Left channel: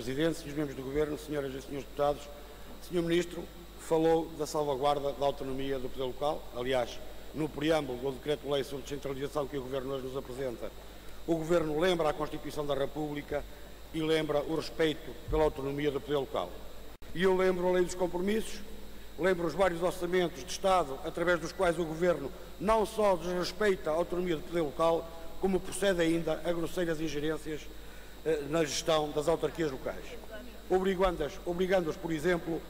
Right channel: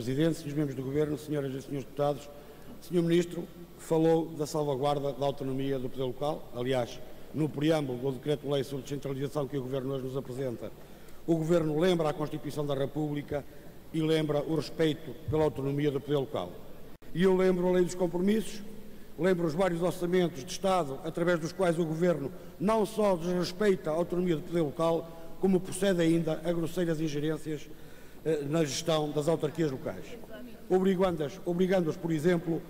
Presidente, Srs. Membros do Governo, Senhoras e Senhores Deputados, Sr. Ministro falou da salvaguarda da autonomia do poder local. Aliás, no preâmbulo do Decreto-Lei sobre descentralização que o Governo hoje nos apresenta, o Governo lembra a Constituição da República e lembra o respeito pela autonomia do poder local. E eu lembro a Lei dos Compromissos, lembro os vários orçamentos de Estado através dos quais o Governo não só desrespeita a autonomia do poder local, como procede ainda a grosseiras ingerências na gestão das autarquias locais, obrigando-as, por exemplo,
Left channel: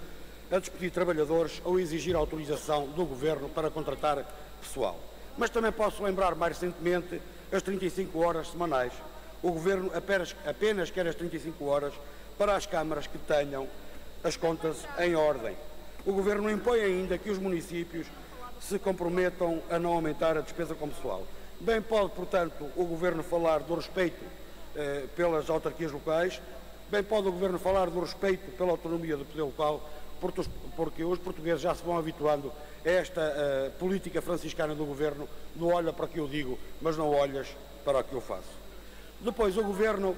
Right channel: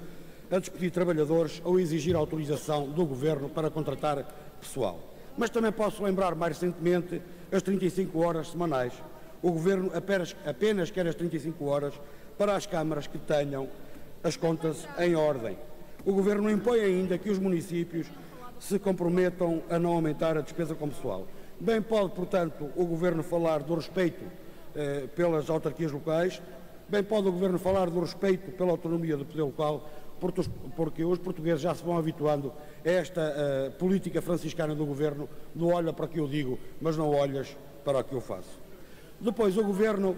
a despedir trabalhadores ou a exigir autorização do Governo para contratar pessoal. Mas também posso lembrar, mais recentemente, as 35 horas semanais. O Governo apenas quer as 35 horas para as câmaras que tenham as contas em ordem. O Governo impõe ainda que os municípios se comprometam a não aumentar a despesa com pessoal. Bem pode, portanto, o Governo falar do respeito pelas autarquias locais, bem pode o Governo falar do respeito pela autonomia do poder local, porque os portugueses já se vão habituando a esta política franciscana do Governo, do olha para o que eu digo, mas não olhas para o que eu faço. Depois o Governo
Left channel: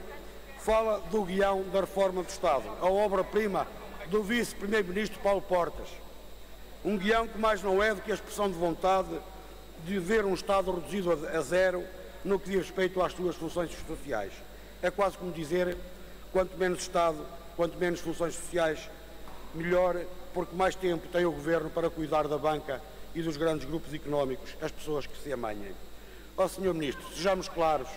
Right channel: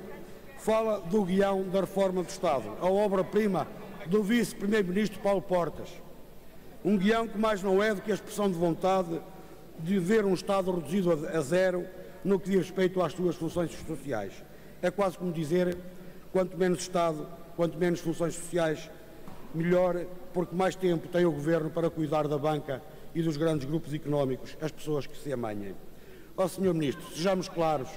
fala do guião da reforma do Estado, a obra-prima do vice-primeiro-ministro Paulo Portas. Um guião que mais não é do que a expressão de vontade de ver um Estado reduzido a zero no que diz respeito às suas funções sociais. É quase como dizer, quanto menos Estado, quanto menos funções sociais, melhor, porque mais tempo tem o Governo para cuidar da banca e dos grandes grupos económicos, as pessoas que se amanhem. Ó Sr. Ministro, sejamos claros,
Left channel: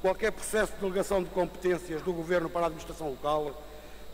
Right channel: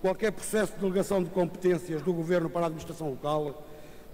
qualquer processo de delegação de competências do Governo para a administração local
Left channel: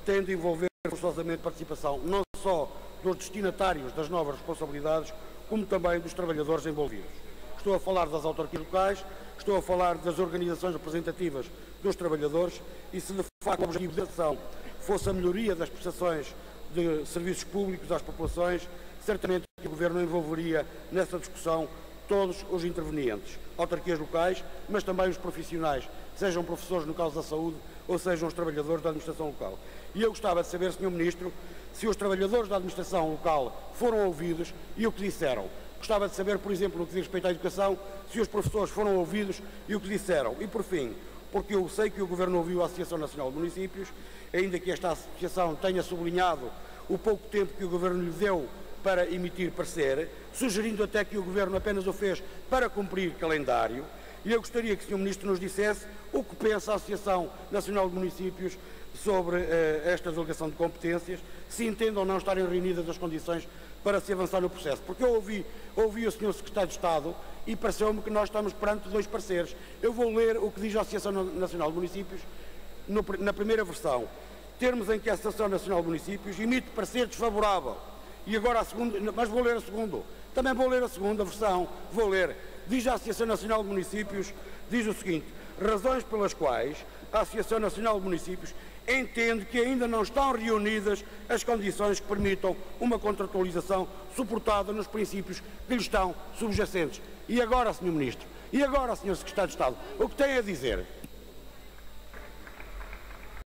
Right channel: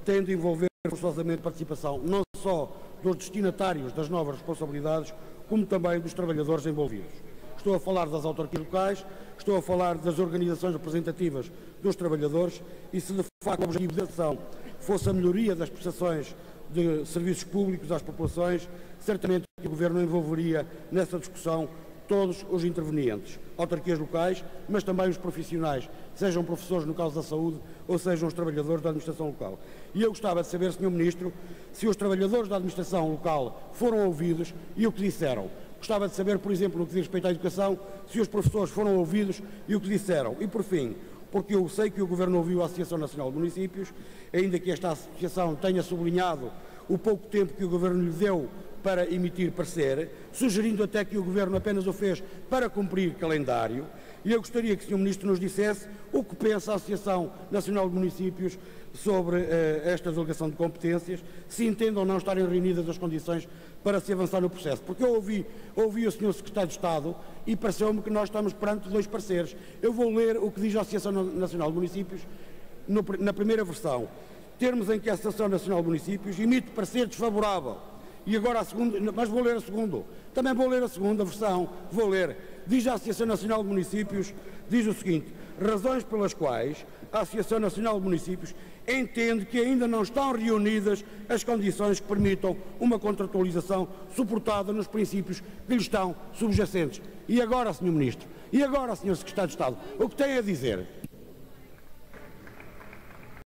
tem de envolver forçosamente participação não só dos destinatários das novas responsabilidades, como também dos trabalhadores envolvidos. Estou a falar das autarquias locais, estou a falar das organizações representativas dos trabalhadores e se de facto o objetivo da ação fosse a melhoria das prestações de serviços públicos às populações, certamente que o Governo envolveria nessa discussão todos os intervenientes, autarquias locais, mas também os profissionais, sejam professores no caso da saúde ou sejam os trabalhadores da administração local. E eu gostava de saber, Sr. Ministro, se os trabalhadores da administração local foram ouvidos e o que disseram. Gostava de saber, por exemplo, no que diz respeito à educação, se os professores foram ouvidos e o que disseram. E, por fim, porque eu sei que o Governo ouviu a Associação Nacional de Municípios, ainda que esta associação tenha sublinhado o pouco tempo que o Governo lhe deu para emitir parecer, sugerindo até que o Governo apenas o fez para cumprir calendário, e eu gostaria que o Sr. Ministro nos dissesse o que pensa a Associação Nacional de Municípios sobre esta delegação de competências, se entendem ou não estarem reunidas as condições para se avançar no processo. Porque eu ouvi o Sr. Secretário de Estado e pareceu-me que nós estamos perante dois pareceres. Eu vou ler o que diz a Associação Nacional de Municípios na primeira versão. Termos em que a Associação Nacional de Municípios emite parecer desfavorável. E agora a segunda, mas vou ler a segunda. Também vou ler a segunda versão. Vou ler. Diz a Associação Nacional de Municípios, diz o seguinte: razões pelas quais a Associação Nacional de Municípios entende que ainda não estão reunidas as condições que permitam uma contratualização suportada nos princípios que lhe estão subjacentes. E agora, Sr. Ministro? E agora, Sr. Secretário de Estado? O que tem a dizer?